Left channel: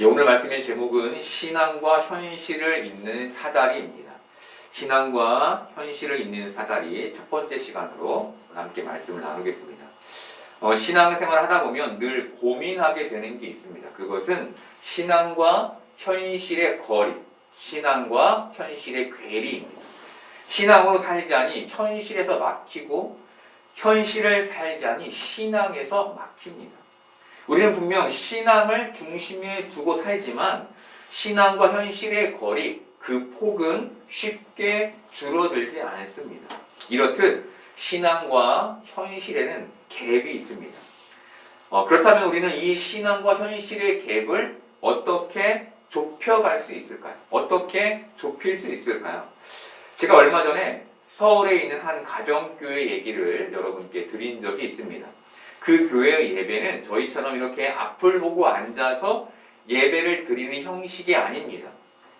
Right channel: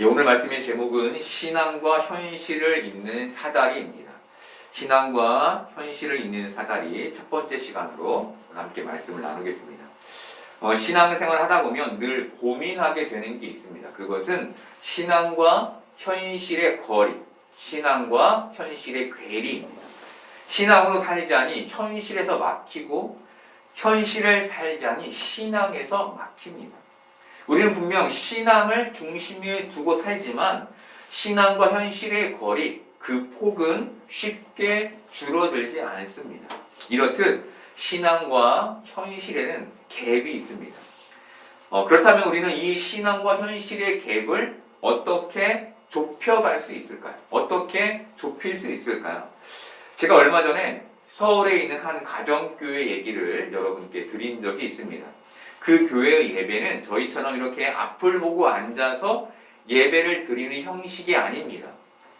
오늘 말씀의 제목은 신앙과 현실을 잇는 사다리입니다. 신앙과 현실을 잇는 사다리 첫 번째 시간으로 함께 말씀을 나누겠습니다. 신앙생활을 하다 보면 늘 고민하게 되는 게 있습니다. 그것은 신앙과 현실의 거리, 신앙과 현실의 괴리입니다. 신앙으로 살자니 현실에서 막히고 현실을 살자니 신앙에서 막힙니다. 우리는 분명 신앙을 중심에 두고 살지만 신앙과 현실의 거리, 그 폭은 쉽게 줄어들지 않습니다. 이렇듯 신앙과 현실에는 갭이 있습니다. 그렇다면 우리는 이 신앙과 현실의 갭을 어떻게 좁혀갈 수 있을까요? 어떻게 좁힐 수 있을까요? 제가 얼마 전에 서울에 있는 한 가정교회 얘기를 여러분께 드린 적이 있습니다. 그 교회의 예배는 저희처럼 이렇게 앞을 보고 앉아서 예배를 드리는 형식이 아닙니다.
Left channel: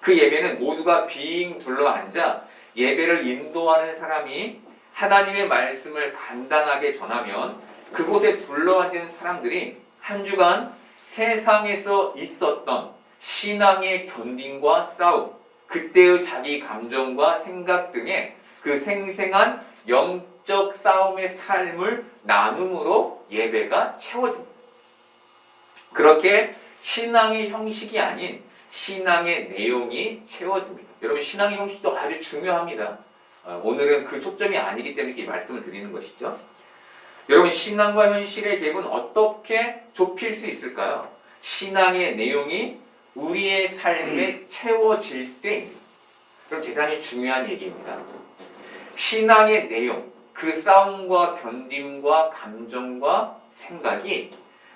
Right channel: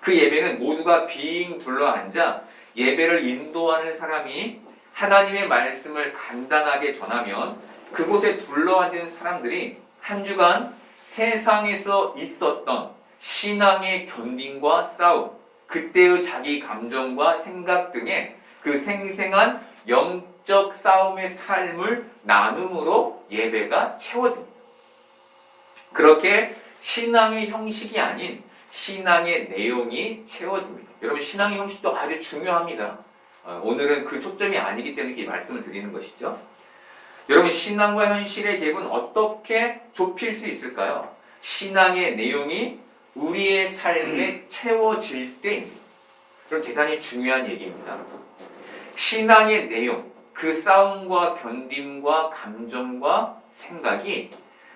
그 예배는 모두가 빙 둘러앉아 예배를 인도하는 사람이 하나님의 말씀을 간단하게 전하면 그곳에 둘러앉은 사람들이 한 주간 세상에서 있었던 신앙의 견딘과 싸움, 그때의 자기 감정과 생각 등의 그 생생한 영적 싸움의 삶을 나눔으로 예배가 채워집니다. 그렇게 신앙의 형식이 아닌 신앙의 내용이 채워집니다. 여러분, 신앙의 형식도 아주 중요합니다. 오늘은 그 초점이 아니기 때문에 이 말씀을 드리는 것이죠. 여러분, 신앙과 현실의 갭은 어떻게 좁힐 수 있을까요? 신앙의 내용이 우리의 삶에 채워질 때입니다. 그럼 대단히 중요한 얘기입니다. 신앙의 내용, 그 싸움과 견딤과 감정과 생각이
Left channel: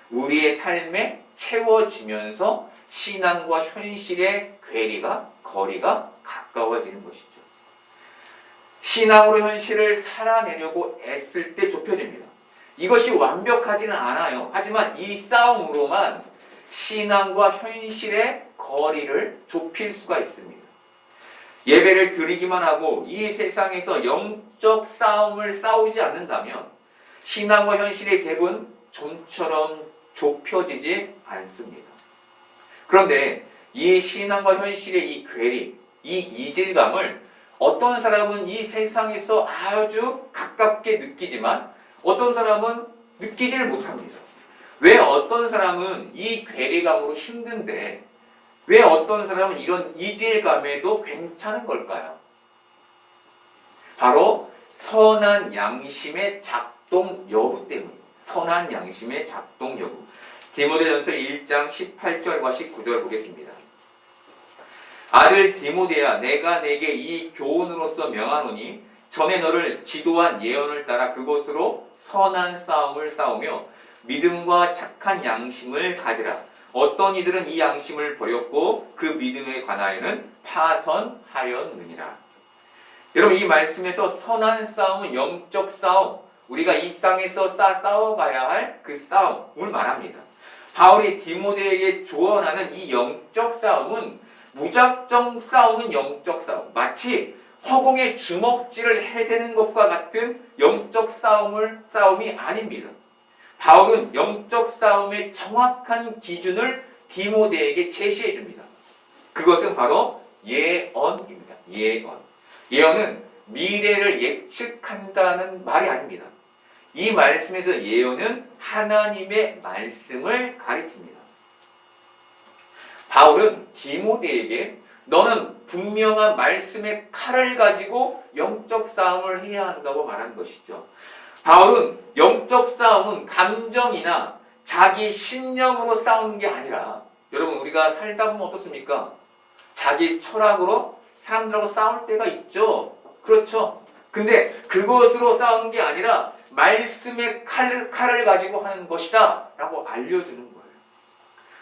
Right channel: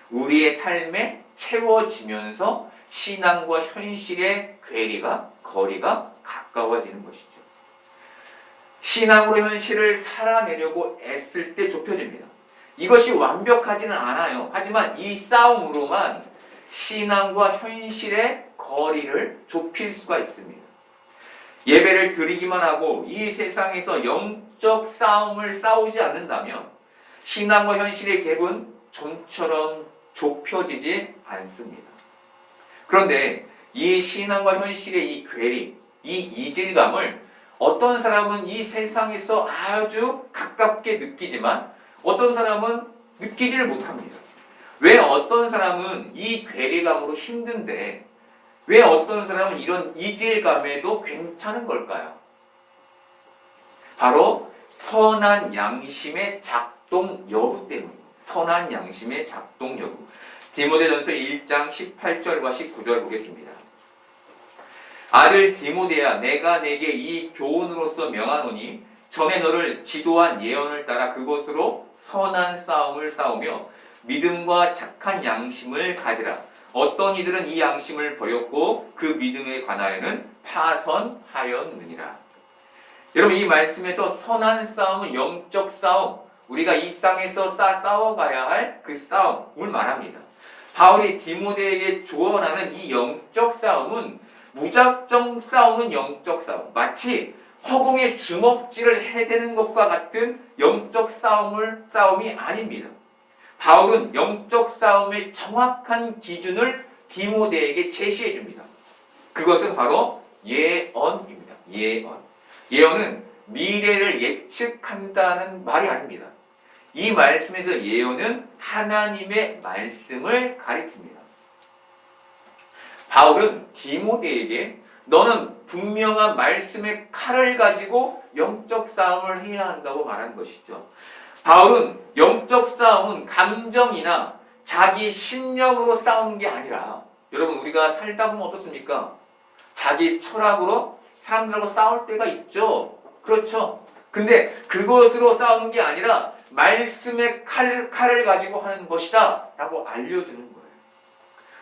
우리의 삶에 채워지면서 신앙과 현실의 거리가 가까워지는 것이죠. 신앙으로 현실을 살아내려고 애쓸 때 좁혀집니다. 이것이 완벽하지는 않아요. 하지만 이 싸움으로만 신앙과 현실의 거리를 좁힐 수가 있습니다. 예배를 드리기만 하고 이 세상에서 영적 싸움을 싸우지 않는다면 신앙과 현실의 갭은 좀처럼 좁혀지지 않습니다. 그런데 이 신앙과 현실의 이 괴리, 이 이질감을 어떤 사람은 이 세상에서 아주 가깝게 느끼지만 어떤 사람은 느끼지를 못합니다. 왜 어떤 사람은 이 괴리감으로 힘든데 왜 어떤 사람은 이런 이질감에도 괜찮은 걸까요? 바로 선한 양심의 작동 여부 때문입니다. 선한 양심의 작동 여부. 디모데전서 1장 18절과 19절 보겠습니다. 아들 디모데야, 내가 내게 이 교훈으로서 명하노니 전에 너를 지도한 예언을 따라 그것으로 선한 싸움을 싸우며 믿음과 착한 양심을 가지라. 어떤 이들은 이 양심을 버렸고 그 믿음에 관하여는 파선하였느니라. 여러분, 이 말씀에서 선한 싸움은 영적 싸움, 우리가 이 땅에서 싸워가야 할 그 싸움을 말합니다. 바울이 디모데에게 조언하는 이 영적 싸움은 무작정 싸우는 영적 싸움, 마치 허공에 주먹질을 해대는 것과 같은 영적 싸움이 아닙니다. 바울은 영적 싸움의 정확한 기준을 디모데에게 제시해 줍니다. 그것은 바로 예언입니다. 예언은 미래를 예측한다는 말이 아닙니다. 이 말씀에서 예언은 하나님의 말씀을 가리킵니다. 바울은 디모데에게 너는 분명한 말씀의 칼을 가지고 영적 싸움을 해야 한다고 말한 것이죠. 바울은 영적 싸움은 감정이나 자기 신념으로 싸우는 게 아니라, 여러분, 우리가 살다 보면 어떻습니까? 자기 철학으로 사람들하고 싸울 때가 있죠. 그렇죠. 근데 그것으로 싸우는 게 아니라 말씀의 칼을 가지고 하는 것이다 라고 알려주는 거예요.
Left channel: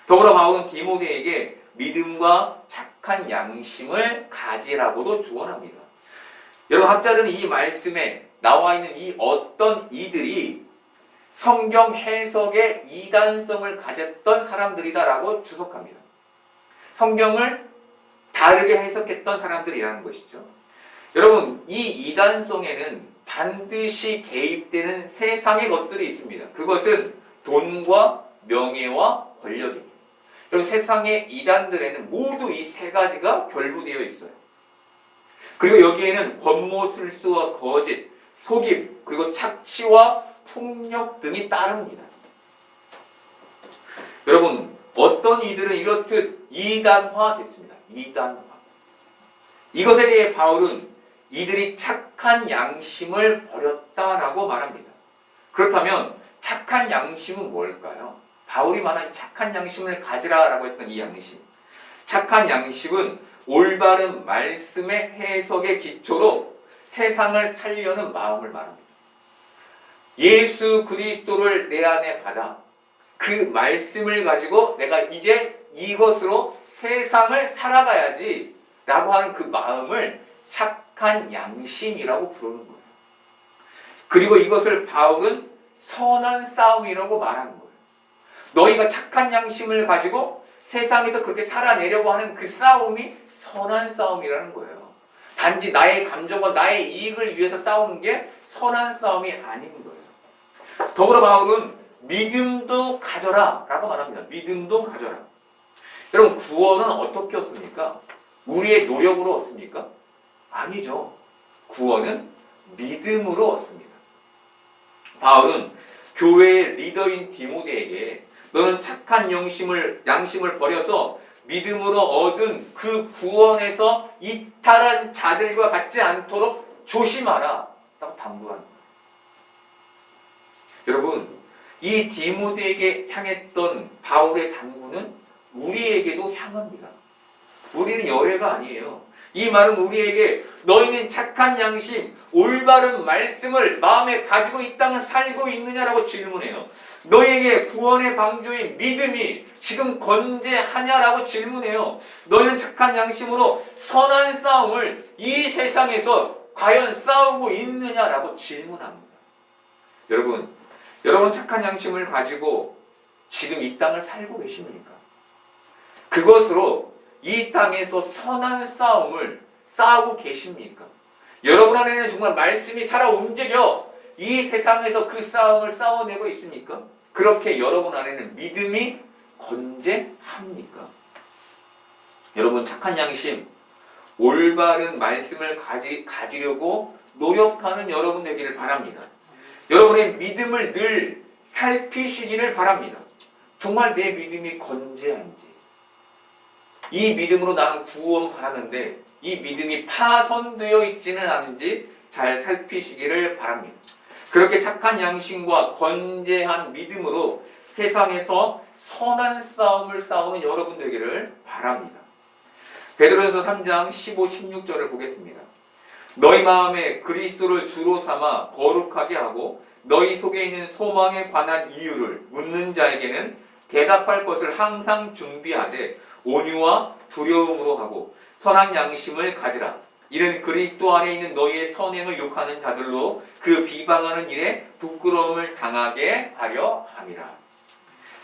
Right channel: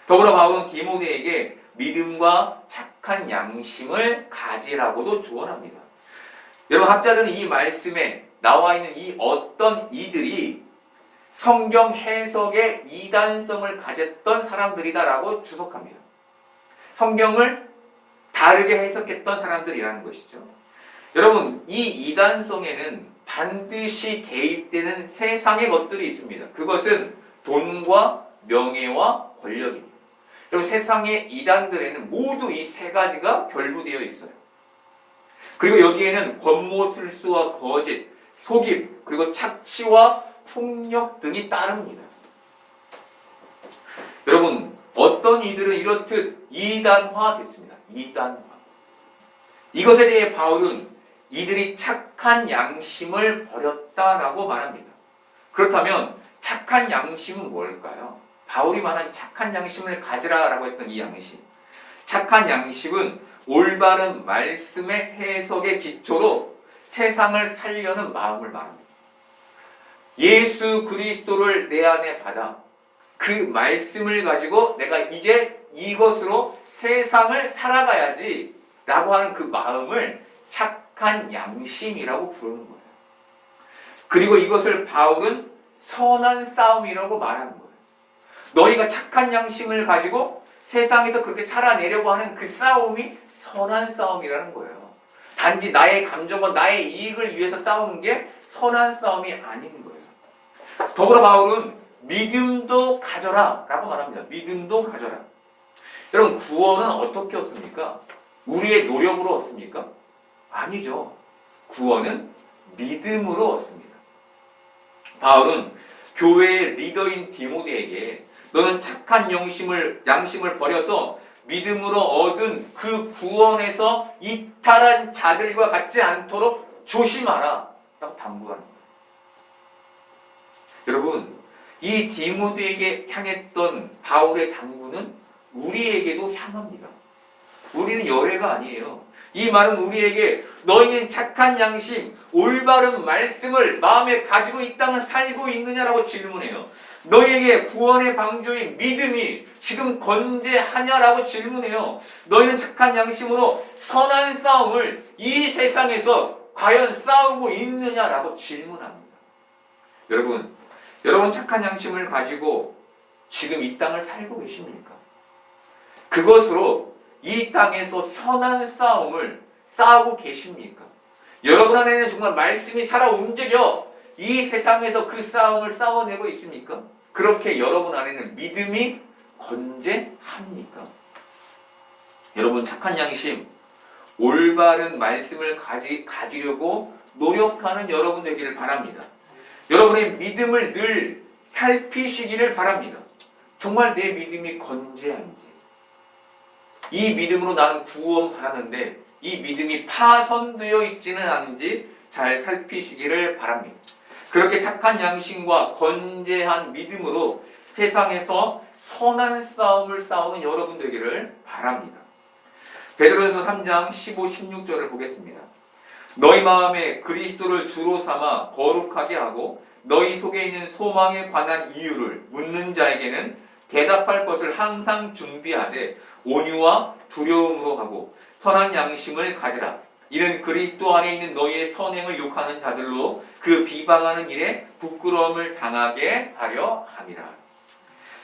더불어 바울은 디모데에게 믿음과 착한 양심을 가지라고도 조언합니다. 여러분, 학자들은 이 말씀에 나와 있는 이 어떤 이들이 성경 해석의 이단성을 가졌던 사람들이다라고 주석합니다. 성경을 다르게 해석했던 사람들이라는 것이죠. 여러분, 이 이단성에는 반드시 개입되는 세상의 것들이 있습니다. 그것은 돈과 명예와 권력입니다. 여러분 세상의 이단들에는 모두 이 세 가지가 결부되어 있어요. 그리고 여기에는 권모술수와 거짓, 속임, 그리고 착취와 폭력 등이 따릅니다. 여러분 어떤 이들은 이렇듯 이단화됐습니다. 이단화. 이것에 대해 바울은 이들이 착한 양심을 버렸다라고 말합니다. 그렇다면 착한 양심은 뭘까요? 바울이 말한 착한 양심을 가지라라고 했던 이 양심. 착한 양심은 올바른 말씀의 해석의 기초로 세상을 살려는 마음을 말합니다. 예수 그리스도를 내 안에 받아 그 말씀을 가지고 내가 이제 이것으로 세상을 살아가야지 라고 하는 그 마음을 착한 양심이라고 부르는 거예요. 그리고 이것을 바울은 선한 싸움이라고 말하는 거예요. 너희가 착한 양심을 가지고 세상에서 그렇게 살아내려고 하는 그 싸움이 선한 싸움이라는 거예요. 단지 나의 감정과 나의 이익을 위해서 싸우는 게 선한 싸움이 아닌 거예요. 더불어 바울은 믿음도 가져라 라고 말합니다. 믿음도 가져라. 여러분 구원은 어떻게 얻습니까? 우리의 노력으로 얻습니까? 아니죠. 구원은 믿음으로 얻습니다. 바울은 교회의 리더인 디모데에게 너는 착한 양심을 버려서 믿음으로 얻은 그 구원에서 이탈한 자들과 같지 않도록 조심하라 라고 당부하는 거예요. 여러분 이 디모데에게 향했던 바울의 당부는 우리에게도 향합니다. 우리는 열애가 아니에요. 이 말은 우리에게 너희는 착한 양심, 올바른 말씀을 마음에 가지고 이 땅을 살고 있느냐라고 질문해요. 너희에게 구원의 방주인 믿음이 지금 건재하냐라고 질문해요. 너희는 착한 양심으로 선한 싸움을 이 세상에서 과연 싸우고 있느냐라고 질문합니다. 여러분 착한 양심을 가지고 지금 이 땅을 살고 계십니까? 그것으로 이 땅에서 선한 싸움을 싸우고 계십니까? 여러분 안에는 정말 말씀이 살아 움직여 이 세상에서 그 싸움을 싸워내고 있습니까? 그렇게 여러분 안에는 믿음이 건재합니까? 여러분 착한 양심, 올바른 말씀을 가지려고 노력하는 여러분 되기를 바랍니다. 여러분의 믿음을 늘 살피시기를 바랍니다. 정말 내 믿음이 건재한지, 이 믿음으로 나는 구원 받았는데 이 믿음이 파손되어 있지는 않은지 잘 살피시기를 바랍니다. 그렇게 착한 양심과 건재한 믿음으로 세상에서 선한 싸움을 싸우는 여러분 되기를 바랍니다. 베드로전서 3장 15, 16절을 보겠습니다. 너희 마음에 그리스도를 주로 삼아 거룩하게 하고 너희 속에 있는 소망에 관한 이유를 묻는 자에게는 대답할 것을 항상 준비하되 온유와 두려움으로 하고 선한 양심을 가지라. 이는 그리스도 안에 있는 너희의 선행을 욕하는 자들로 그 비방하는 일에 부끄러움을 당하게 하려 함이라.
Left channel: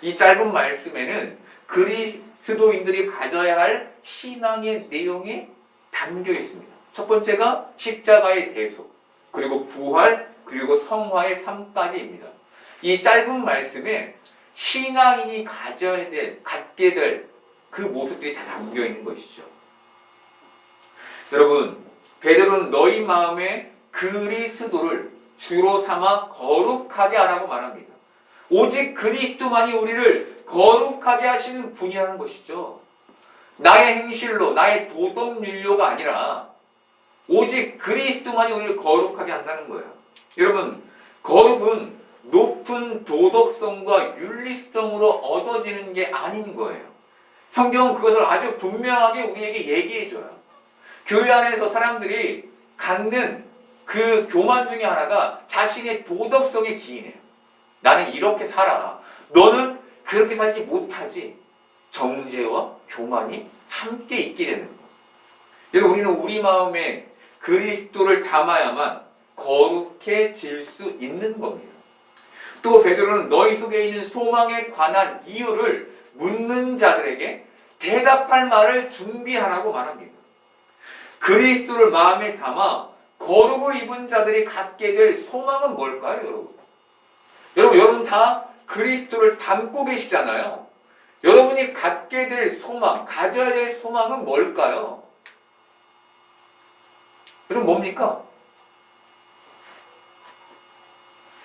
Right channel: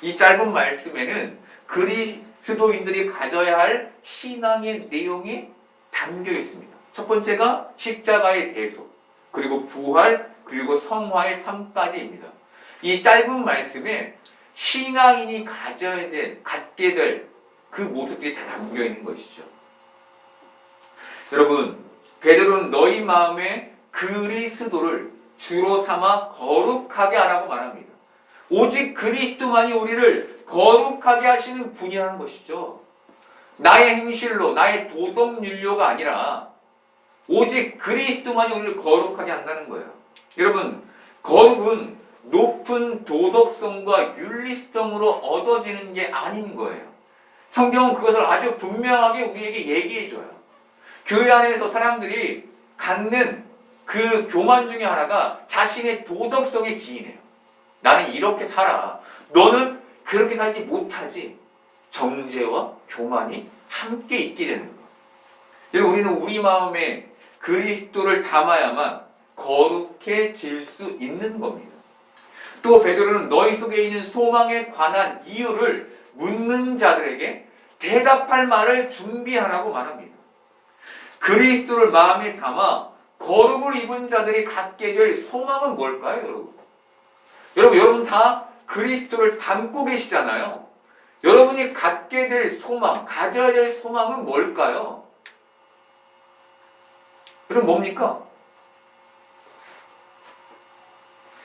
이 짧은 말씀에는 그리스도인들이 가져야 할 신앙의 내용이 담겨 있습니다. 첫 번째가 십자가의 대속, 그리고 부활, 그리고 성화의 3가지입니다. 이 짧은 말씀에 신앙인이 갖게 될 그 모습들이 다 담겨 있는 것이죠. 여러분, 베드로는 너희 마음에 그리스도를 주로 삼아 거룩하게 하라고 말합니다. 오직 그리스도만이 우리를 거룩하게 하시는 분이라는 것이죠. 나의 행실로, 나의 도덕윤료가 아니라 오직 그리스도만이 우리를 거룩하게 한다는 거예요. 여러분, 거룩은 높은 도덕성과 윤리성으로 얻어지는 게 아닌 거예요. 성경은 그것을 아주 분명하게 우리에게 얘기해줘요. 교회 안에서 사람들이 갖는 그 교만 중에 하나가 자신의 도덕성에 기인해요. 나는 이렇게 살아. 너는 그렇게 살지 못하지. 정죄와 교만이 함께 있게 되는 거예요. 그래서 우리는 우리 마음에 그리스도를 담아야만 거룩해질 수 있는 겁니다. 또 베드로는 너희 속에 있는 소망에 관한 이유를 묻는 자들에게 대답할 말을 준비하라고 말합니다. 그리스도를 마음에 담아 거룩을 입은 자들이 갖게 될 소망은 뭘까요, 여러분? 여러분 다 그리스도를 담고 계시잖아요. 여러분이 갖게 될 소망, 가져야 될 소망은 뭘까요? 그럼 뭡니까?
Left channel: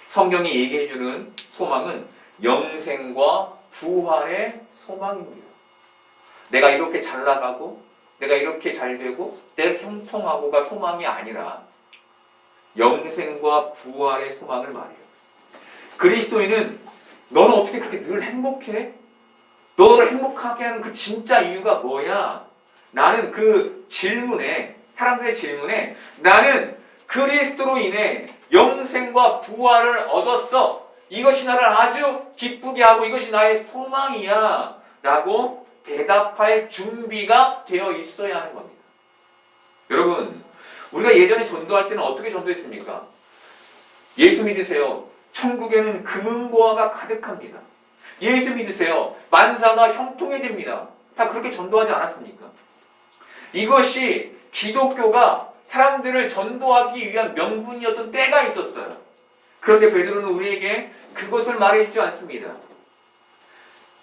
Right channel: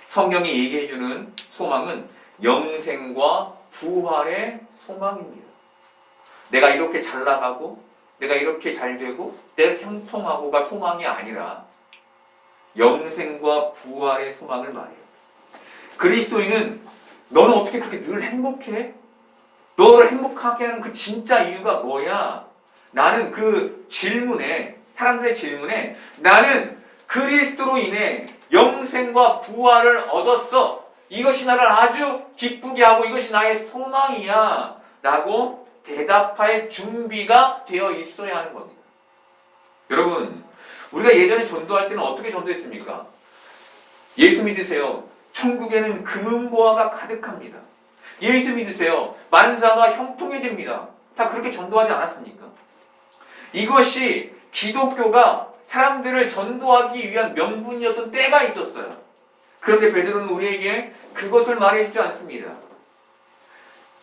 성경이 얘기해주는 소망은 영생과 부활의 소망입니다. 내가 이렇게 잘 나가고 내가 이렇게 잘 되고 내가 형통하고가 소망이 아니라 영생과 부활의 소망을 말해요. 그리스도인은 너는 어떻게 그렇게 늘 행복해? 너를 행복하게 하는 그 진짜 이유가 뭐야? 나는 그 질문에, 사람들의 질문에 나는 그리스도로 인해 영생과 부활을 얻었어. 이것이 나를 아주 기쁘게 하고 이것이 나의 소망이야. 라고 대답할 준비가 되어 있어야 하는 겁니다. 여러분, 우리가 예전에 전도할 때는 어떻게 전도했습니까? 예수 믿으세요. 천국에는 금은보화가 가득합니다. 예수 믿으세요. 만사가 형통해집니다. 다 그렇게 전도하지 않았습니까? 이것이 기독교가 사람들을 전도하기 위한 명분이었던 때가 있었어요. 그런데 베드로는 우리에게 그것을 말해주지 않습니다.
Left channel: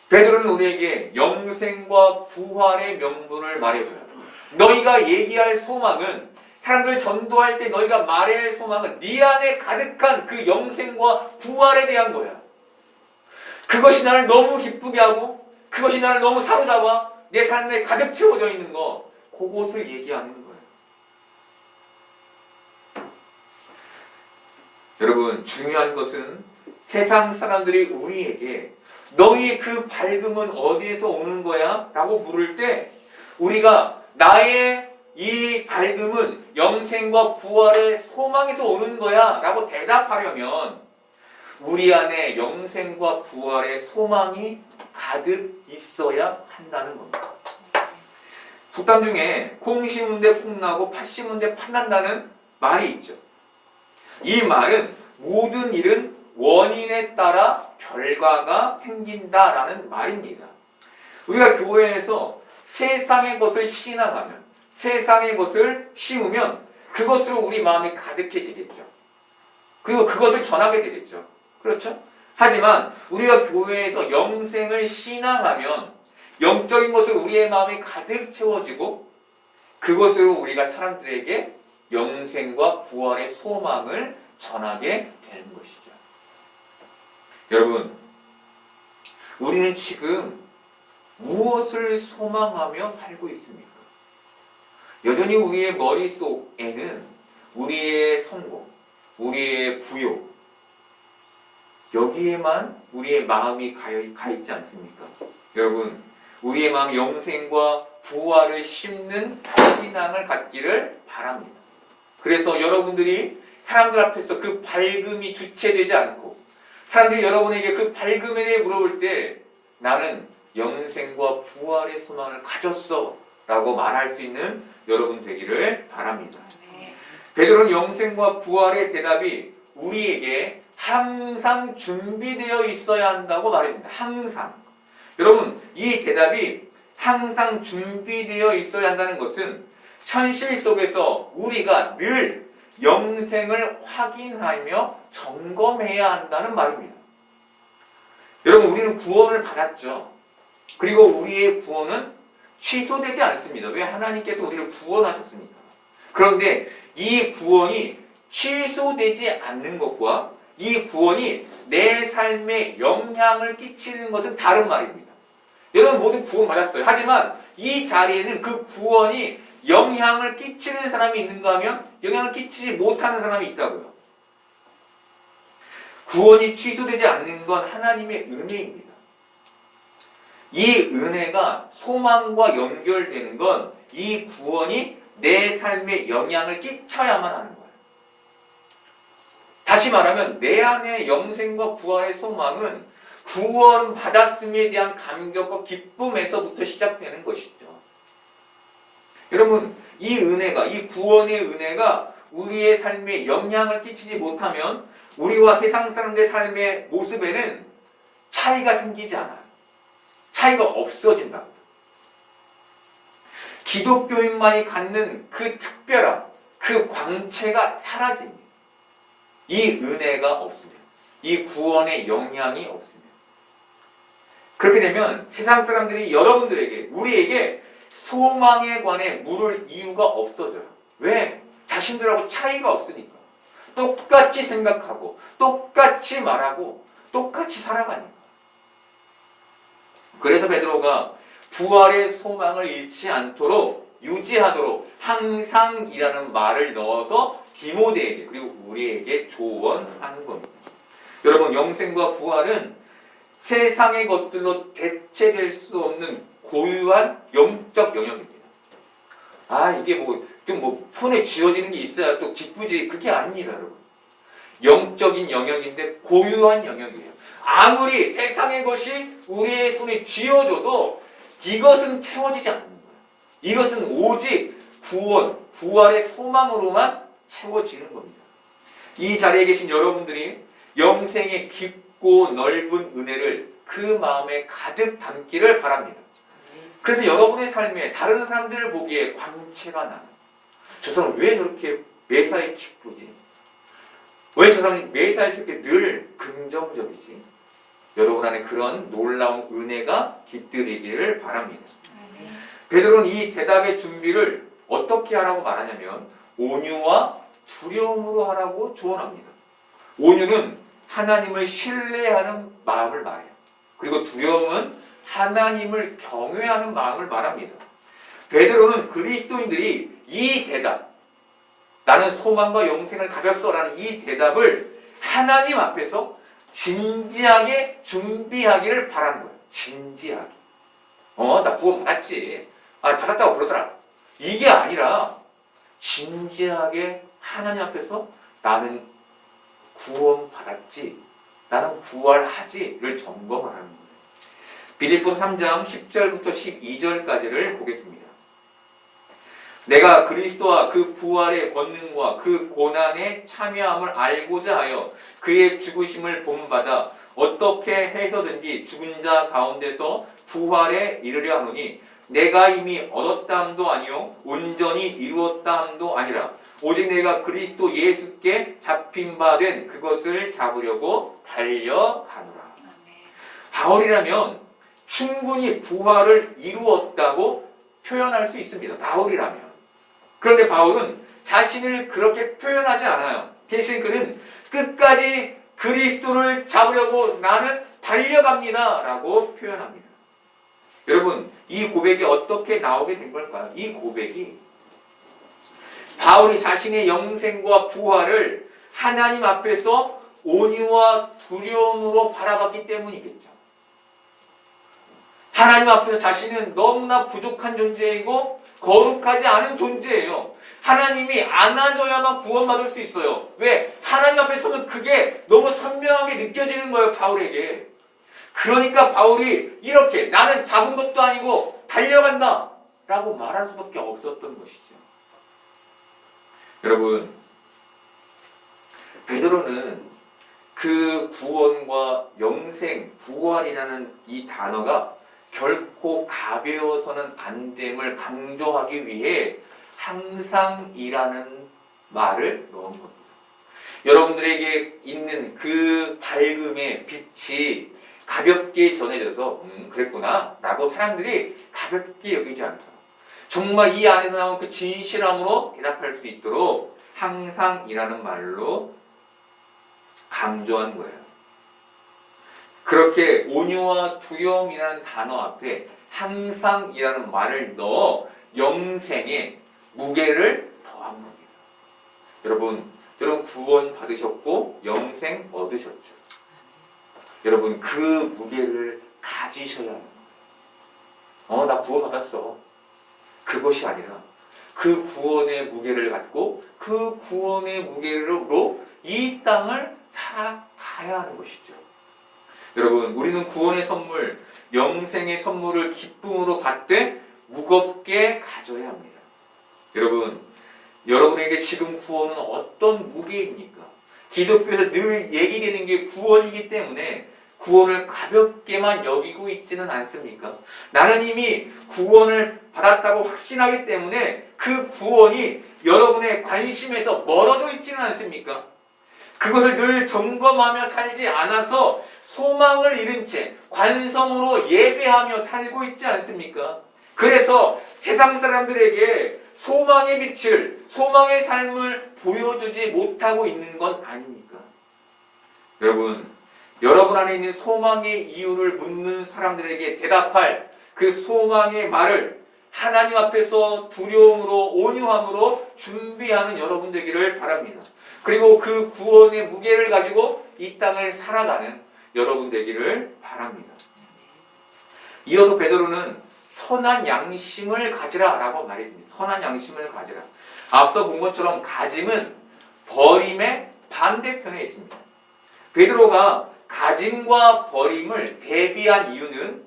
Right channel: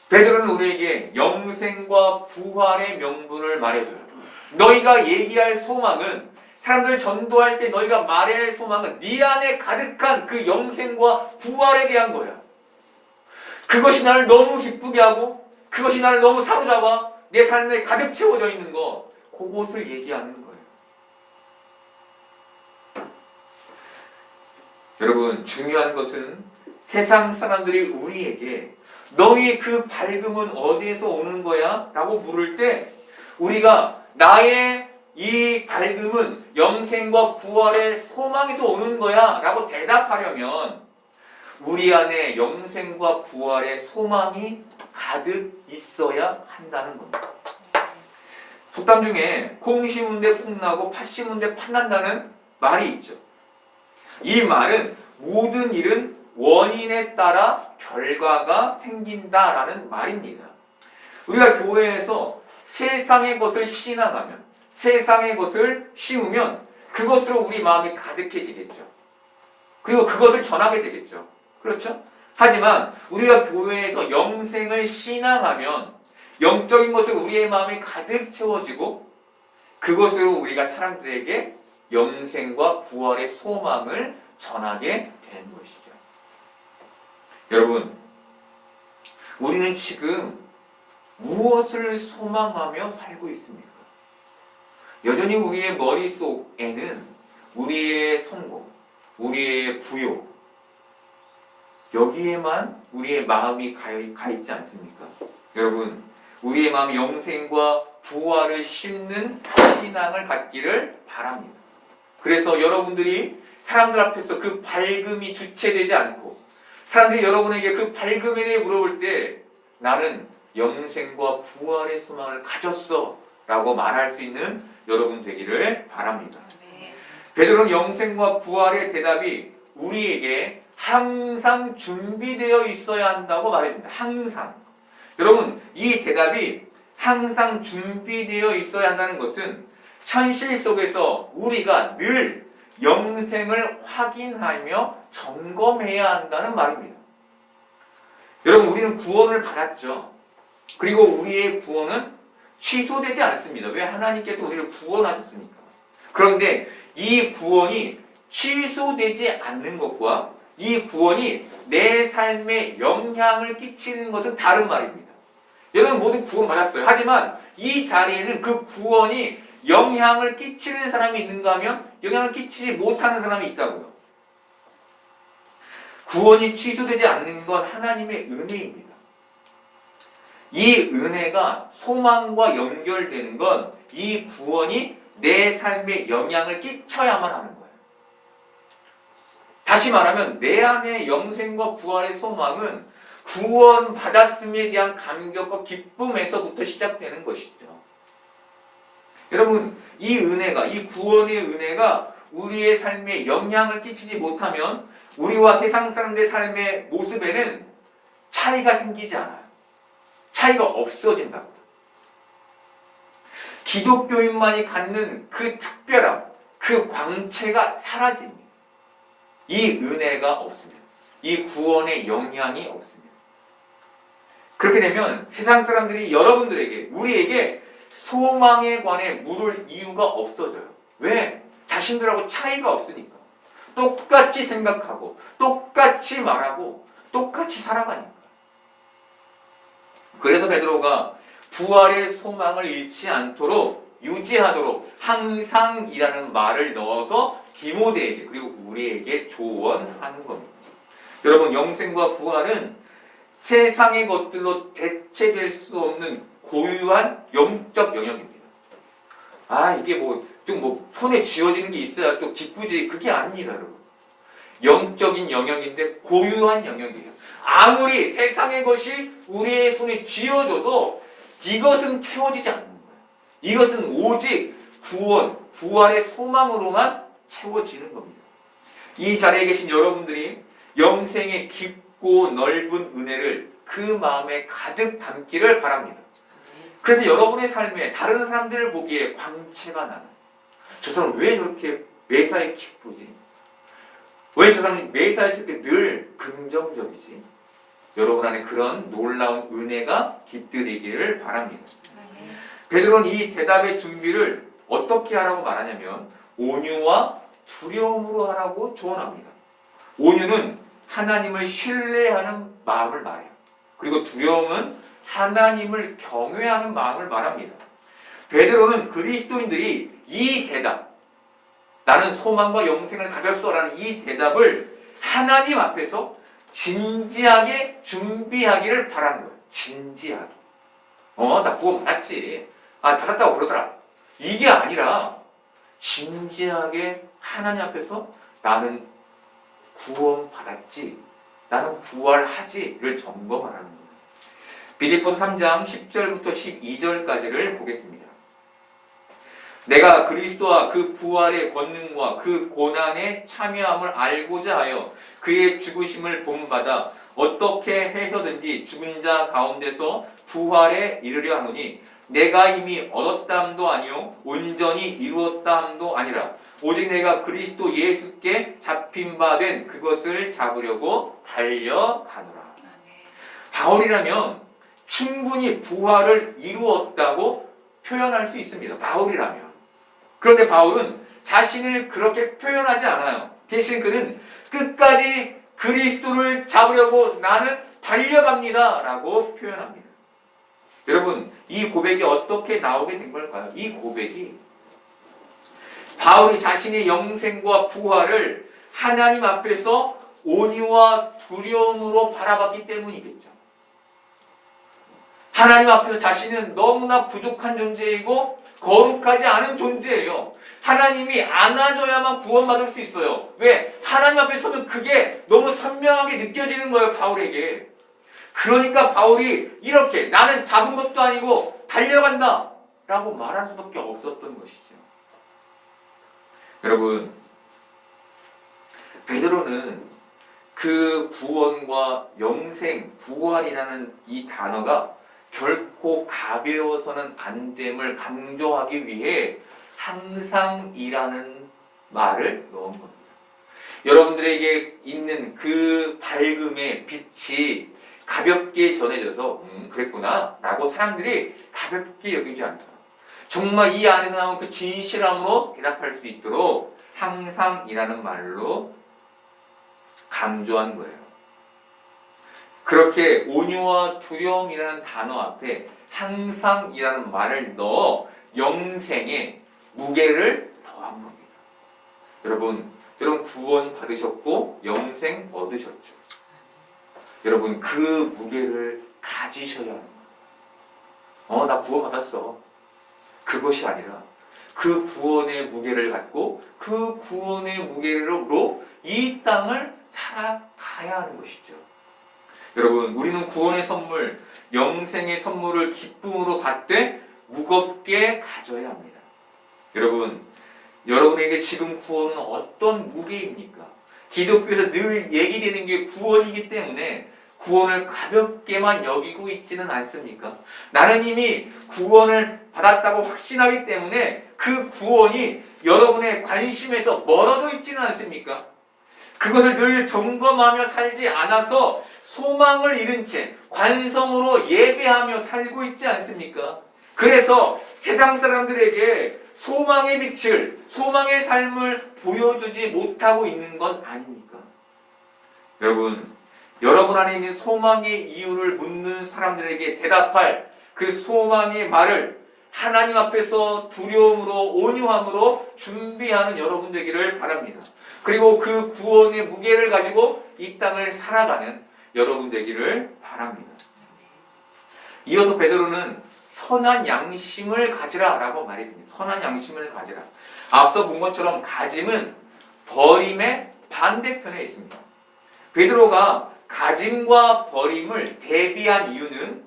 베드로는 우리에게 영생과 부활의 명분을 말해줘요. 너희가 얘기할 소망은, 사람들 전도할 때 너희가 말해야 할 소망은 네 안에 가득한 그 영생과 부활에 대한 거야. 그것이 나를 너무 기쁘게 하고 그것이 나를 너무 사로잡아 내 삶에 가득 채워져 있는 거, 그것을 얘기하는 거예요. 여러분, 중요한 것은 세상 사람들이 우리에게 너희 그 밝음은 어디에서 오는 거야? 라고 물을 때 우리가 나의 이 밝음은 영생과 부활의 소망에서 오는 거야 라고 대답하려면 우리 안에 영생과 부활의 소망이 가득 있어야 한다는 겁니다. 속담 중에 콩 심은데 콩 나고 팥 심은데 팥 난다는 말이 있죠. 이 말은 모든 일은 원인에 따라 결과가 생긴다라는 말입니다. 우리가 교회에서 세상의 것을 신앙하면, 세상의 것을 씌우면 그것으로 우리 마음이 가득해지겠죠. 그리고 그것을 전하게 되겠죠. 그렇죠? 하지만 우리가 교회에서 영생을 신앙하면 영적인 것으로 우리의 마음이 가득 채워지고 그것으로 우리가 사람들에게 영생과 부활의 소망을 전하게 되는 것이죠. 여러분, 우리는 지금 무엇을 소망하며 살고 있습니까? 여전히 우리의 머릿속에는 우리의 성공, 우리의 부요, 여기에만 우리의 마음이 가 있지 않습니까? 여러분, 우리의 마음 영생과 부활을 심는 신앙을 갖기를 바랍니다. 그래서 여러분들이 사람들 앞에서 그 밝음이 주체되지 않고 사람들이 여러분에게 그 밝음에 대해 물어볼 때 나는 영생과 부활의 소망을 가졌어 라고 말할 수 있는 여러분 되기를 바랍니다. 베드로는 영생과 부활의 대답이 우리에게 항상 준비되어 있어야 한다고 말합니다. 항상. 여러분, 이 대답이 항상 준비되어 있어야 한다는 것은 현실 속에서 우리가 늘 영생을 확인하며 점검해야 한다는 말입니다. 여러분, 우리는 구원을 받았죠. 그리고 우리의 구원은 취소되지 않습니다. 왜? 하나님께서 우리를 구원하셨으니까. 그런데 이 구원이 취소되지 않는 것과 이 구원이 내 삶에 영향을 끼치는 것은 다른 말입니다. 여러분 모두 구원 받았어요. 하지만 이 자리에는 그 구원이 영향을 끼치는 사람이 있는가 하면 영향을 끼치지 못하는 사람이 있다고요. 구원이 취소되지 않는 건 하나님의 은혜입니다. 이 은혜가 소망과 연결되는 건 이 구원이 내 삶에 영향을 끼쳐야만 하는 거예요. 다시 말하면 내 안에 영생과 부활의 소망은 구원받았음에 대한 감격과 기쁨에서부터 시작되는 것이죠. 여러분, 이 은혜가, 이 구원의 은혜가 우리의 삶에 영향을 끼치지 못하면 우리와 세상 사람들의 삶의 모습에는 차이가 생기지 않아요. 차이가 없어진다. 기독교인만이 갖는 그 특별함, 그 광채가 사라집니다. 이 은혜가 없으면, 이 구원의 영향이 없으면. 그렇게 되면 세상 사람들이 여러분들에게, 우리에게 소망에 관해 물을 이유가 없어져요. 왜? 자신들하고 차이가 없으니까. 똑같이 생각하고 똑같이 말하고 똑같이 살아가니까. 그래서 베드로가 부활의 소망을 잃지 않도록 유지하도록 항상이라는 말을 넣어서 디모데에게 그리고 우리에게 조언하는 겁니다. 여러분, 영생과 부활은 세상의 것들로 대체될 수 없는 고유한 영적 영역입니다. 이게 좀 손에 쥐어지는 게 있어야 또 기쁘지, 그게 아닙니다, 여러분. 영적인 영역인데 고유한 영역이에요. 아무리 세상의 것이 우리의 손에 쥐어져도 이것은 채워지지 않는 거예요. 이것은 오직 구원, 부활의 소망으로만 채워지는 겁니다. 이 자리에 계신 여러분들이 영생의 깊고 넓은 은혜를 그 마음에 가득 담기를 바랍니다. 그래서 여러분의 삶에 다른 사람들을 보기에 광채가 나는, 저 사람 왜 저렇게 매사에 기쁘지? 왜 저 사람이 매사에 저렇게 늘 긍정적이지? 여러분 안에 그런 놀라운 은혜가 깃들이기를 바랍니다. 베드로는 이 대답의 준비를 어떻게 하라고 말하냐면 온유와 두려움으로 하라고 조언합니다. 온유는 하나님을 신뢰하는 마음을 말해요. 그리고 두려움은 하나님을 경외하는 마음을 말합니다. 베드로는 그리스도인들이 이 대답, 나는 소망과 영생을 가졌어라는 이 대답을 하나님 앞에서 진지하게 준비하기를 바라는 거예요. 진지하게. 나 구원 받았지. 받았다고 그러더라. 이게 아니라 진지하게 하나님 앞에서 나는 구원 받았지, 나는 부활하지를 점검하라는 거예요. 빌립보서 3장 10절부터 12절까지를 보겠습니다. 내가 그리스도와 그 부활의 권능과 그 고난의 참여함을 알고자 하여 그의 죽으심을 본받아 어떻게 해서든지 죽은 자 가운데서 부활에 이르려 하노니 내가 이미 얻었다 함도 아니요 온전히 이루었다 함도 아니라 오직 내가 그리스도 예수께 잡힌 바 된 그것을 잡으려고 달려가노라. 바울이라면 충분히 부활을 이루었다고 표현할 수 있습니다. 바울이라면. 그런데 바울은 자신을 그렇게 표현하지 않아요. 대신 그는 끝까지 그리스도를 잡으려고 나는 달려갑니다 라고 표현합니다. 여러분, 이 고백이 어떻게 나오게 된 걸까요? 이 고백이 바울이 자신의 영생과 부활을 하나님 앞에서 온유와 두려움으로 바라봤기 때문이겠죠. 하나님 앞에서 자신은 너무나 부족한 존재이고 거룩하지 않은 존재예요. 하나님이 안아줘야만 구원받을 수 있어요. 왜? 하나님 앞에 서면 그게 너무 선명하게 느껴지는 거예요, 바울에게. 그러니까 바울이 이렇게 나는 잡은 것도 아니고 달려간다 라고 말할 수밖에 없었던 것이죠. 여러분, 베드로는 그 구원과 영생, 부활이라는 이 단어가 결코 가벼워서는 안 됨을 강조하기 위해 항상이라는 말을 넣은 겁니다. 여러분들에게 있는 그 밝음의 빛이 가볍게 전해져서 그랬구나 라고 사람들이 가볍게 여기지 않다. 정말 이 안에서 나온 그 진실함으로 대답할 수 있도록 항상이라는 말로 강조한 거예요. 그렇게 온유와 두려움이라는 단어 앞에 항상이라는 말을 넣어 영생의 무게를 더한 겁니다. 여러분 구원 받으셨고 영생 얻으셨죠. 여러분 그 무게를 가지셔야 하는 거예요. 나 구원 받았어. 그것이 아니라 그 구원의 무게를 갖고 그 구원의 무게로 이 땅을 살아가야 하는 것이죠. 여러분, 우리는 구원의 선물, 영생의 선물을 기쁨으로 받되 무겁게 가져야 합니다. 여러분, 여러분에게 지금 구원은 어떤 무게입니까? 기독교에서 늘 얘기되는 게 구원이기 때문에 구원을 가볍게만 여기고 있지는 않습니까? 나는 이미 구원을 받았다고 확신하기 때문에 그 구원이 여러분의 관심에서 멀어져 있지는 않습니까? 그것을 늘 점검하며 살지 않아서 소망을 잃은 채 관성으로 예배하며 살고 있지 않습니까? 그래서 세상 사람들에게 소망의 빛을, 소망의 삶을 보여주지 못하고 있는 건 아닙니까? 여러분 안에 있는 소망의 이유를 묻는 사람들에게 대답할 그 소망의 말을 하나님 앞에서 두려움으로, 온유함으로 준비하는 여러분 되기를 바랍니다. 그리고 그 구원의 무게를 가지고 이 땅을 살아가는 여러분 되기를 바랍니다. 이어서 베드로는 선한 양심을 가지라라고 말해줍니다. 선한 양심을 가지라. 앞서 본 것처럼 가짐은 버림의 반대편에 있습니다. 베드로가 가짐과 버림을 대비한 이유는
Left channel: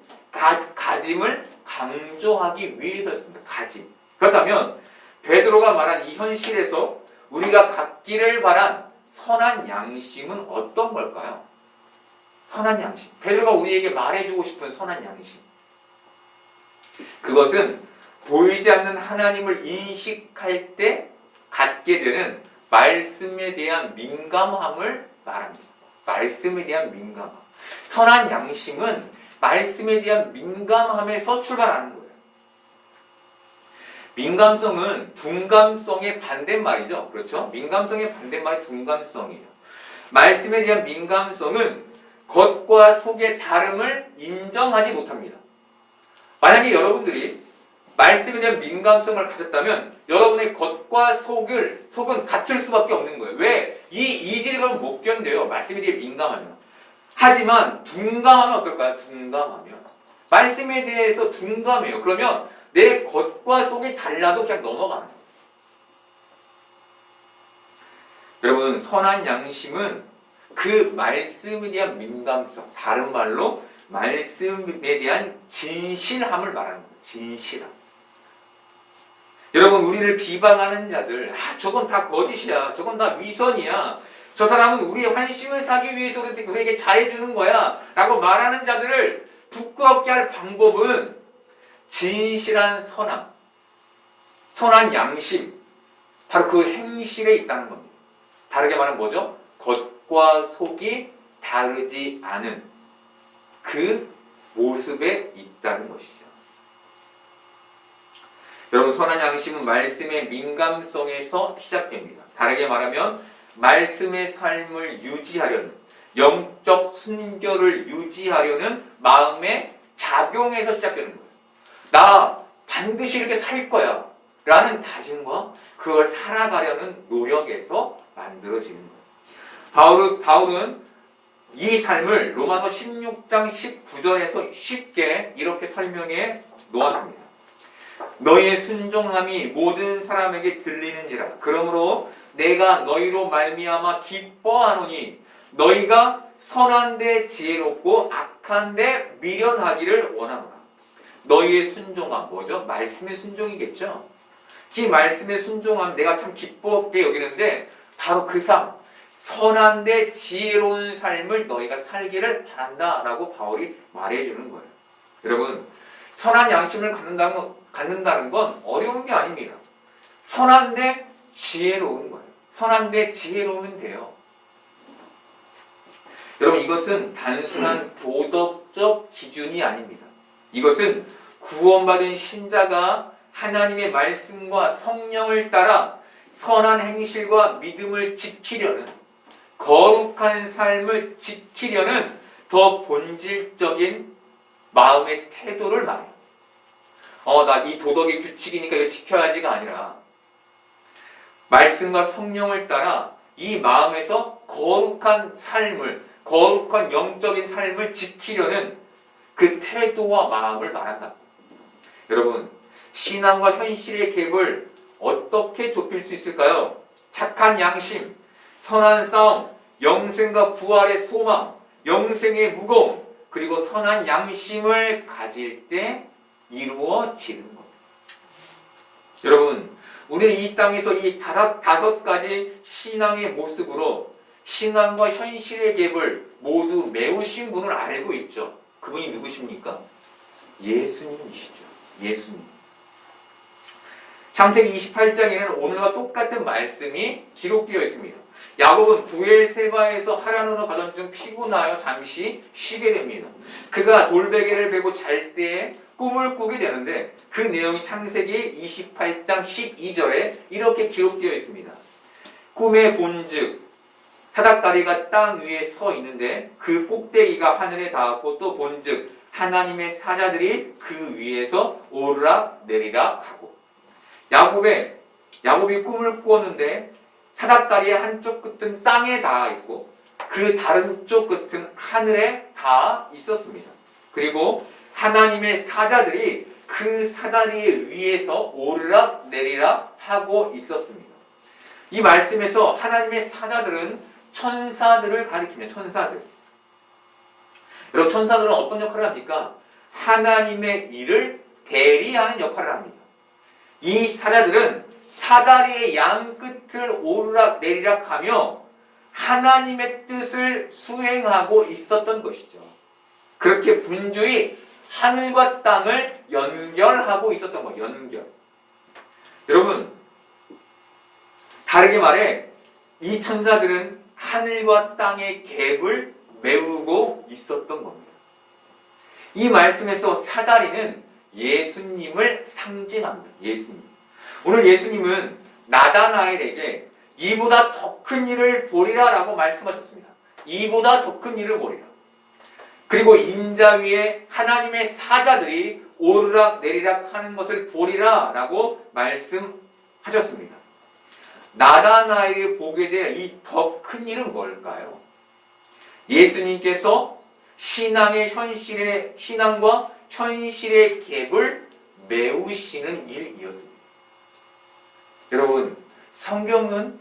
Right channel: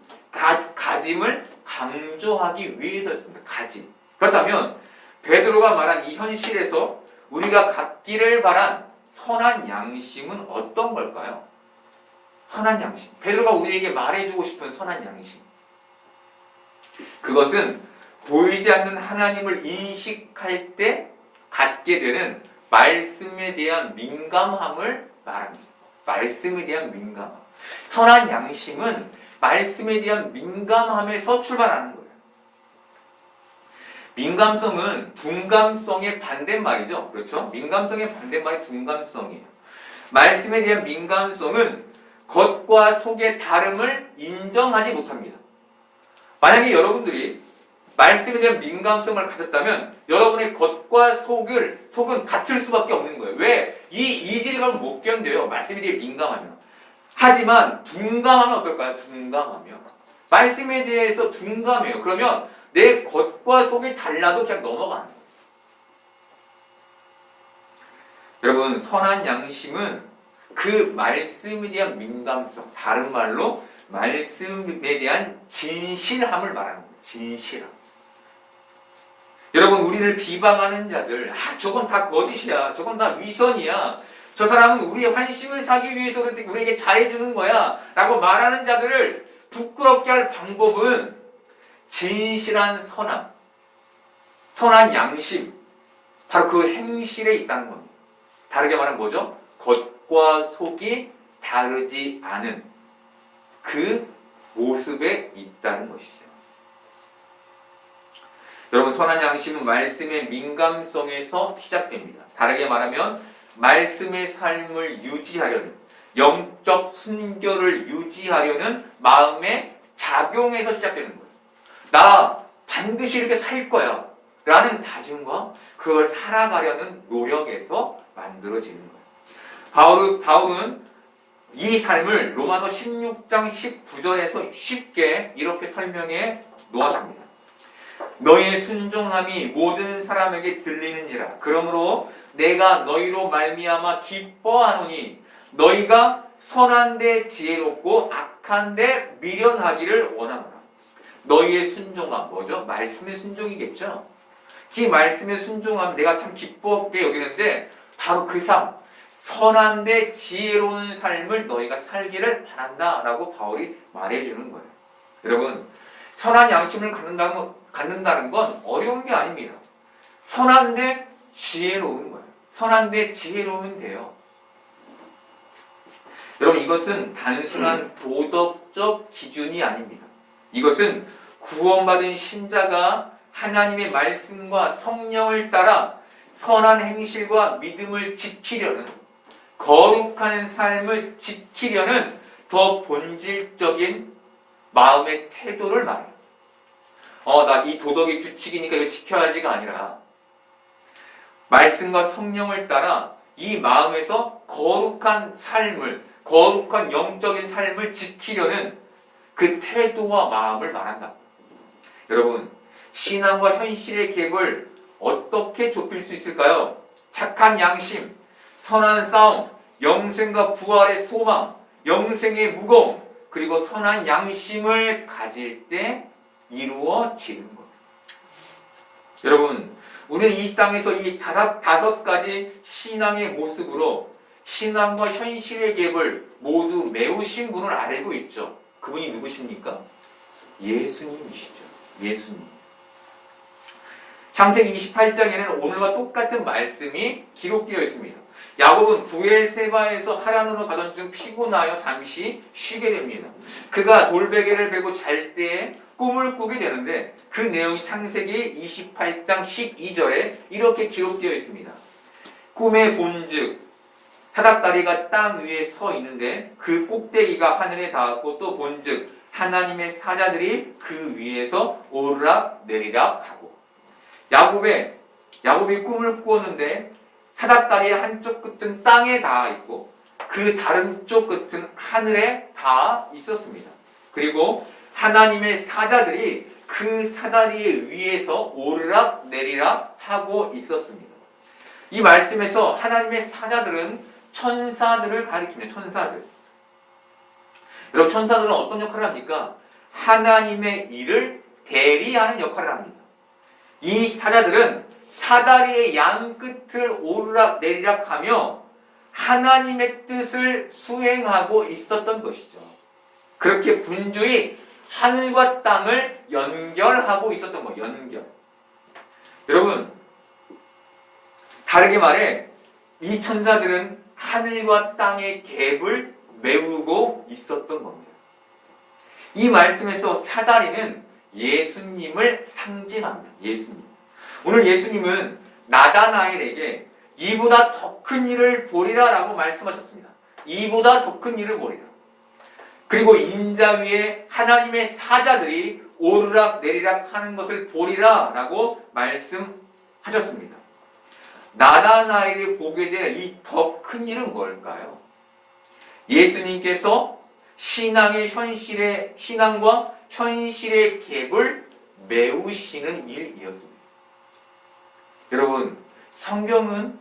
가짐을 강조하기 위해서였습니다. 가짐. 그렇다면 베드로가 말한 이 현실에서 우리가 갖기를 바란 선한 양심은 어떤 걸까요? 선한 양심. 베드로가 우리에게 말해주고 싶은 선한 양심. 그것은 보이지 않는 하나님을 인식할 때 갖게 되는 말씀에 대한 민감함을 말합니다. 말씀에 대한 민감함. 선한 양심은 말씀에 대한 민감함에서 출발하는 거예요. 민감성은 둔감성의 반대말이죠. 그렇죠? 민감성의 반대말이 둔감성이에요. 말씀에 대한 민감성은 겉과 속의 다름을 인정하지 못합니다. 만약에 여러분들이 말씀에 대한 민감성을 가졌다면 여러분의 겉과 속은 같을 수밖에 없는 거예요. 왜? 이 이질감을 못 견뎌요. 말씀에 대해 민감하면. 하지만 둔감하면 어떨까요? 둔감하면. 말씀에 대해서 둔감해요. 그러면 내 겉과 속이 달라도 그냥 넘어가는 거예요. 여러분, 선한 양심은 그 말씀에 대한 민감성, 다른 말로 말씀에 대한 진실함을 말하는 거예요. 진실함. 여러분, 우리를 비방하는 자들, 저건 다 거짓이야. 저건 다 위선이야. 저 사람은 우리의 환심을 사기 위해서 우리에게 잘해주는 거야. 라고 말하는 자들을 부끄럽게 할 방법은 진실한 선한 양심, 바로 그 행실에 있다는 겁니다. 다르게 말하면 뭐죠? 겉과 속이 다르지 않은 그 모습에 있다는 것이죠. 여러분, 선한 양심은 말씀의 민감성에서 시작됩니다. 다르게 말하면 말씀의 삶을 유지하려는, 영적 순결을 유지하려는 마음의 작용에서 시작되는 거예요. 나 반드시 이렇게 살 거야 라는 다짐과 그걸 살아가려는 노력에서 만들어지는 거예요. 바울은 이 삶을 로마서 16장 19절에서 쉽게 이렇게 설명해 놓았습니다. 너희의 순종함이 모든 사람에게 들리는지라. 그러므로 내가 너희로 말미암아 기뻐하노니 너희가 선한데 지혜롭고 악한데 미련하기를 원하노라. 너희의 순종함 뭐죠? 말씀의 순종이겠죠. 이 말씀의 순종함 내가 참 기쁘게 여기는데 바로 그 삶, 선한데 지혜로운 삶을 너희가 살기를 바란다라고 바울이 말해주는 거예요. 여러분, 선한 양심을 갖는다는 건 어려운 게 아닙니다. 선한데 지혜로운 거예요. 선한데 지혜로우면 돼요. 여러분, 이것은 단순한 도덕적 기준이 아닙니다. 이것은 구원받은 신자가 하나님의 말씀과 성령을 따라 선한 행실과 믿음을 지키려는, 거룩한 삶을 지키려는 더 본질적인 마음의 태도를 말해요. 나 이 도덕의 규칙이니까 이거 지켜야지가 아니라 말씀과 성령을 따라 이 마음에서 거룩한 삶을, 거룩한 영적인 삶을 지키려는 그 태도와 마음을 말한다. 여러분, 신앙과 현실의 갭을 어떻게 좁힐 수 있을까요? 착한 양심, 선한 싸움, 영생과 부활의 소망, 영생의 무거움, 그리고 선한 양심을 가질 때 이루어지는 것. 여러분, 우리는 이 땅에서 이 다섯 가지 신앙의 모습으로 신앙과 현실의 갭을 모두 메우신 분을 알고 있죠. 그분이 누구십니까? 예수님이시죠. 예수님. 창세기 28장에는 오늘과 똑같은 말씀이 기록되어 있습니다. 야곱은 부엘세바에서 하란으로 가던 중 피곤하여 잠시 쉬게 됩니다. 그가 돌베개를 베고 잘 때에 꿈을 꾸게 되는데 그 내용이 창세기 28장 12절에 이렇게 기록되어 있습니다. 꿈에 본즉 사닥다리가 땅 위에 서 있는데 그 꼭대기가 하늘에 닿았고 또 본즉 하나님의 사자들이 그 위에서 오르락 내리락 하고 야곱이 꿈을 꾸었는데 사닥다리의 한쪽 끝은 땅에 닿아 있고 그 다른 쪽 끝은 하늘에 닿아 있었습니다. 그리고 하나님의 사자들이 그 사다리 위에서 오르락 내리락 하고 있었습니다. 이 말씀에서 하나님의 사자들은 천사들을 가리킵니다. 천사들. 여러분, 천사들은 어떤 역할을 합니까? 하나님의 일을 대리하는 역할을 합니다. 이 사자들은 사다리의 양 끝을 오르락 내리락 하며 하나님의 뜻을 수행하고 있었던 것이죠. 그렇게 분주히 하늘과 땅을 연결하고 있었던 거예요. 연결. 여러분, 다르게 말해 이 천사들은 하늘과 땅의 갭을 메우고 있었던 겁니다. 이 말씀에서 사다리는 예수님을 상징합니다. 예수님. 오늘 예수님은 나다나엘에게 이보다 더 큰 일을 보리라 라고 말씀하셨습니다. 이보다 더 큰 일을 보리라. 그리고 인자 위에 하나님의 사자들이 오르락 내리락 하는 것을 보리라 라고 말씀하셨습니다. 나다나엘이 보게 될 이 더 큰 일은 뭘까요? 예수님께서 신앙과 현실의 갭을 메우시는 일이었습니다. 여러분, 성경은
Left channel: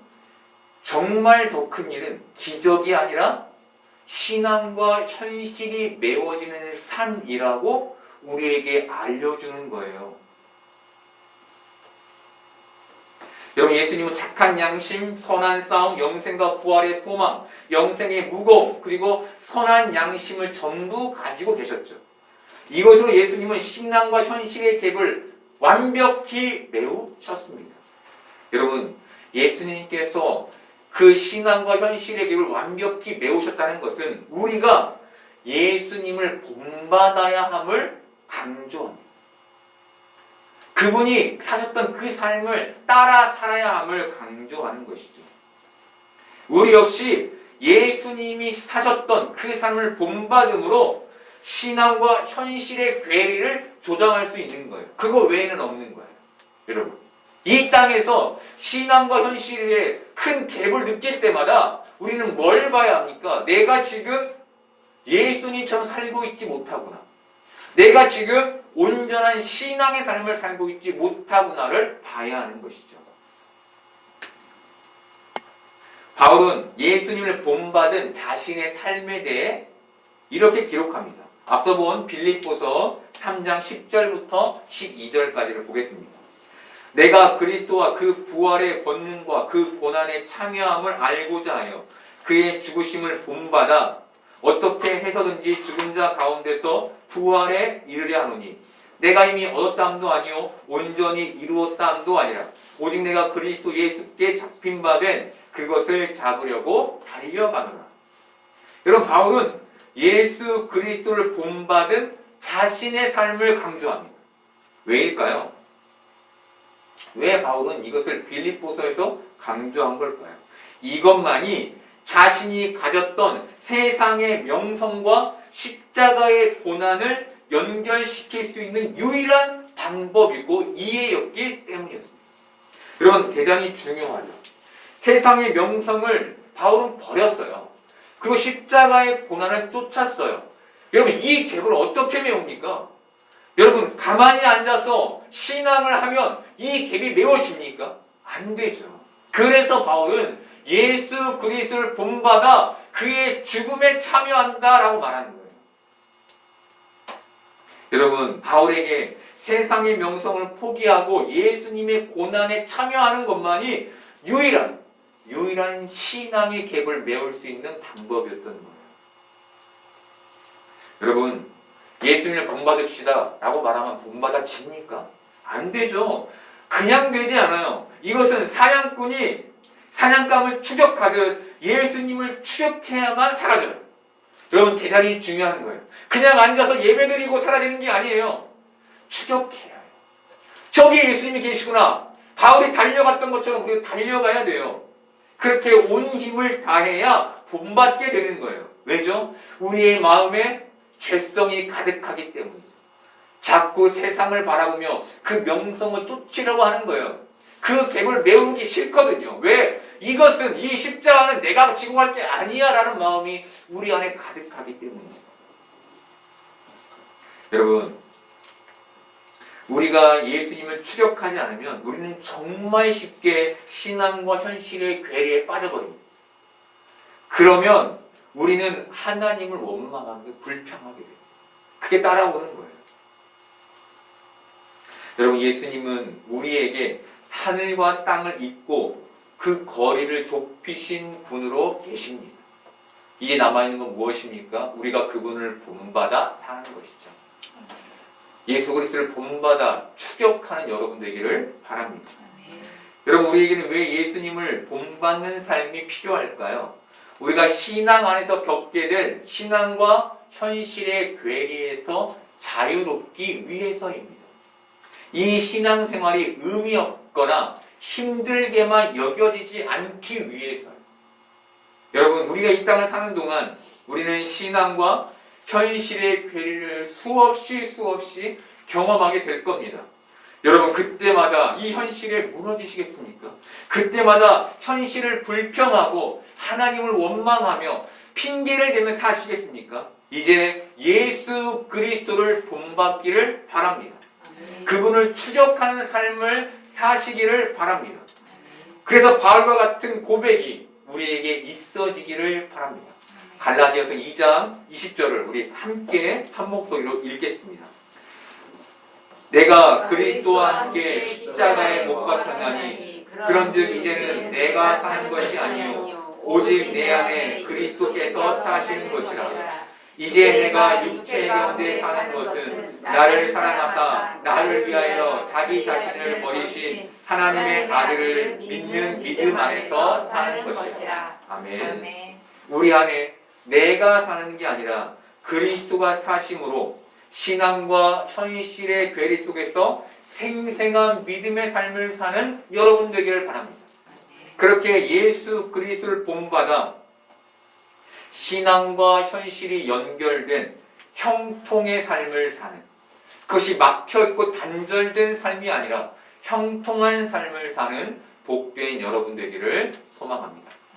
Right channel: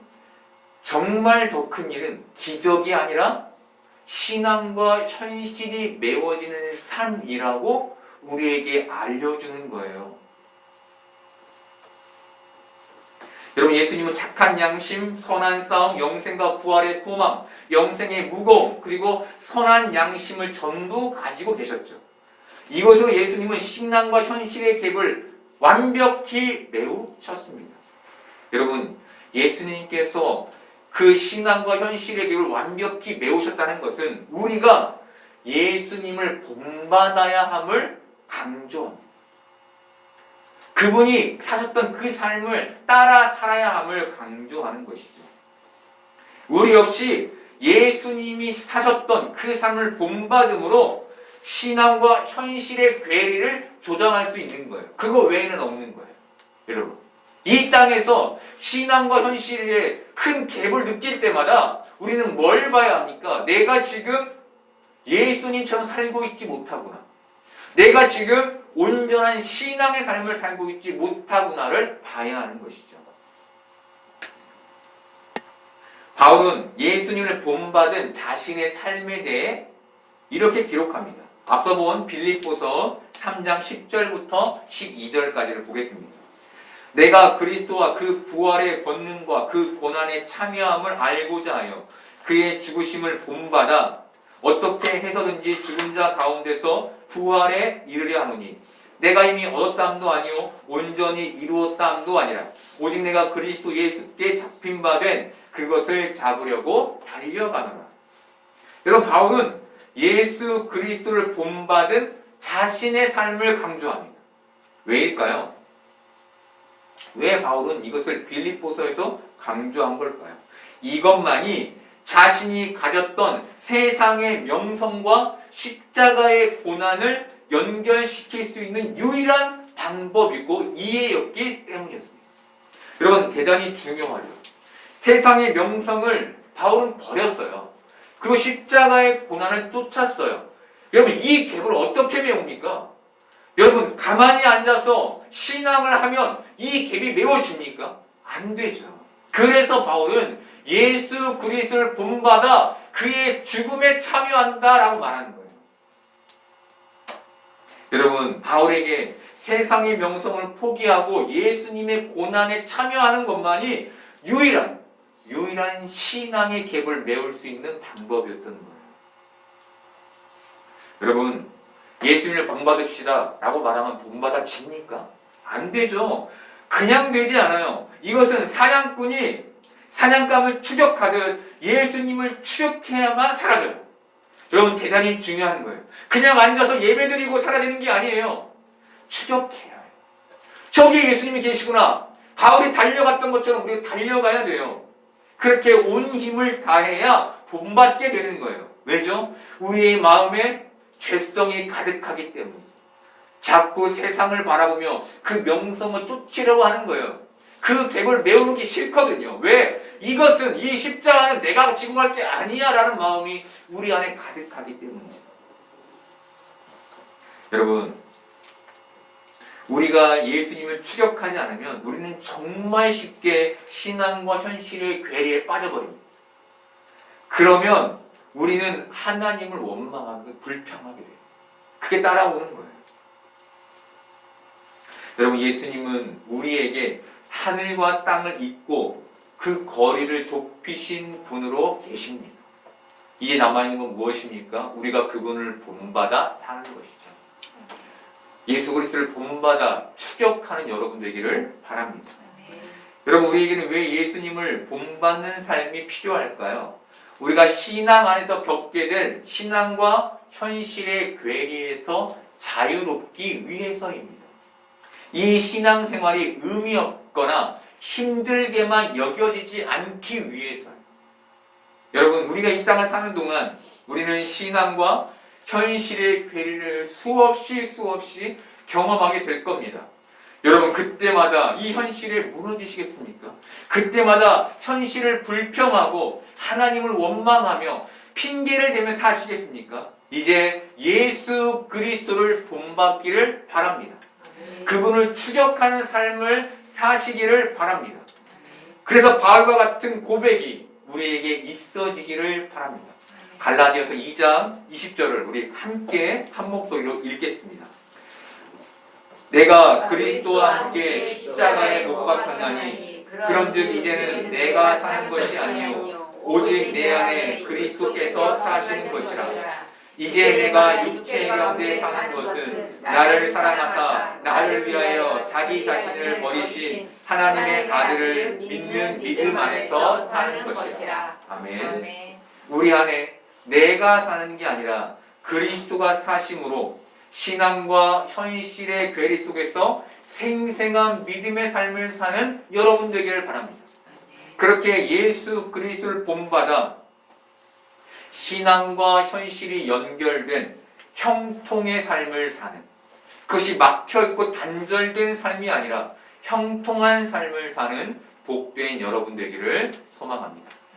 정말 더 큰 일은 기적이 아니라 신앙과 현실이 메워지는 삶이라고 우리에게 알려주는 거예요. 여러분, 예수님은 착한 양심, 선한 싸움, 영생과 부활의 소망, 영생의 무거움, 그리고 선한 양심을 전부 가지고 계셨죠. 이것으로 예수님은 신앙과 현실의 갭을 완벽히 메우셨습니다. 여러분, 예수님께서 그 신앙과 현실의 갭을 완벽히 메우셨다는 것은 우리가 예수님을 본받아야 함을 강조합니다. 그분이 사셨던 그 삶을 따라 살아야 함을 강조하는 것이죠. 우리 역시 예수님이 사셨던 그 삶을 본받음으로 신앙과 현실의 괴리를 조정할 수 있는 거예요. 그거 외에는 없는 거예요. 여러분, 이 땅에서 신앙과 현실의 큰 갭을 느낄 때마다 우리는 뭘 봐야 합니까? 내가 지금 예수님처럼 살고 있지 못하구나. 내가 지금 온전한 신앙의 삶을 살고 있지 못하구나를 봐야 하는 것이죠. 바울은 예수님을 본받은 자신의 삶에 대해 이렇게 기록합니다. 앞서 본 빌립보서 3장 10절부터 12절까지를 보겠습니다. 내가 그리스도와 그 부활의 권능과 그 고난의 참여함을 알고자 하여 그의 죽으심을 본받아 어떻게 해서든지 죽은 자 가운데서 부활에 이르려 하노니 내가 이미 얻었다함도 아니요 온전히 이루었다함도 아니라 오직 내가 그리스도 예수께 잡힌 바 된 그것을 잡으려고 달려가노라. 여러분, 바울은 예수 그리스도를 본받은 자신의 삶을 강조합니다. 왜일까요? 왜 바울은 이것을 빌립보서에서 강조한 걸까요? 이것만이 자신이 가졌던 세상의 명성과 십자가의 고난을 연결시킬 수 있는 유일한 방법이고 이해였기 때문이었습니다. 여러분, 대단히 중요하죠. 세상의 명성을 바울은 버렸어요. 그리고 십자가의 고난을 쫓았어요. 여러분, 이 갭을 어떻게 메웁니까? 여러분, 가만히 앉아서 신앙을 하면 이 갭이 메워집니까? 안 되죠. 그래서 바울은 예수 그리스도를 본받아 그의 죽음에 참여한다라고 말하는 거예요. 여러분, 바울에게 세상의 명성을 포기하고 예수님의 고난에 참여하는 것만이 유일한 신앙의 갭을 메울 수 있는 방법이었던 거예요. 여러분, 예수님을 본받읍시다 라고 말하면 본받아집니까? 안 되죠. 그냥 되지 않아요. 이것은 사냥꾼이 사냥감을 추적하듯 예수님을 추적해야만 사라져요. 여러분 대단히 중요한 거예요. 그냥 앉아서 예배드리고 사라지는 게 아니에요. 추적해야 해요. 저기 예수님이 계시구나. 바울이 달려갔던 것처럼 우리가 달려가야 돼요. 그렇게 온 힘을 다해야 본받게 되는 거예요. 왜죠? 우리의 마음에 죄성이 가득하기 때문이죠. 자꾸 세상을 바라보며 그 명성을 쫓으려고 하는 거예요. 그 객을 메우는 게 싫거든요. 왜? 이것은, 이 십자가는 내가 지고 갈 게 아니야 라는 마음이 우리 안에 가득하기 때문이죠. 여러분, 우리가 예수님을 추격하지 않으면 우리는 정말 쉽게 신앙과 현실의 괴리에 빠져버립니다. 그러면 우리는 하나님을 원망하고 불평하게 돼요. 그게 따라오는 거예요. 여러분, 예수님은 우리에게 하늘과 땅을 잇고 그 거리를 좁히신 분으로 계십니다. 이제 남아있는 건 무엇입니까? 우리가 그분을 본받아 사는 것이죠. 예수 그리스도를 본받아 추격하는 여러분 되기를 바랍니다. 여러분, 우리에게는 왜 예수님을 본받는 삶이 필요할까요? 우리가 신앙 안에서 겪게 될 신앙과 현실의 괴리에서 자유롭기 위해서입니다. 이 신앙생활이 의미 없거나 힘들게만 여겨지지 않기 위해서요. 여러분, 우리가 이 땅을 사는 동안 우리는 신앙과 현실의 괴리를 수없이 경험하게 될 겁니다. 여러분, 그때마다 이 현실에 무너지시겠습니까? 그때마다 현실을 불평하고 하나님을 원망하며 핑계를 대며 사시겠습니까? 이제 예수 그리스도를 본받기를 바랍니다. 그분을 추적하는 삶을 사시기를 바랍니다. 그래서 바울과 같은 고백이 우리에게 있어지기를 바랍니다. 갈라디아서 2장 20절을 우리 함께 한 목소리로 읽겠습니다. 내가 그리스도와 함께 십자가에 못 박혔나니 그런즉 이제는 내가 사는 것이 아니요 오직 내 안에 그리스도께서 사시는 것이라. 이제 내가 육체 가운데 사는 것은 나를 사랑하사 나를 위하여 자기 자신을 버리신 하나님의 아들을 믿는 믿음 안에서 사는 것이라. 아멘. 우리 안에 내가 사는 게 아니라 그리스도가 사심으로 신앙과 현실의 괴리 속에서 생생한 믿음의 삶을 사는 여러분 되기를 바랍니다. 그렇게 예수 그리스도를 본받아 신앙과 현실이 연결된 형통의 삶을 사는, 그것이 막혀있고 단절된 삶이 아니라 형통한 삶을 사는 복된 여러분 되기를 소망합니다.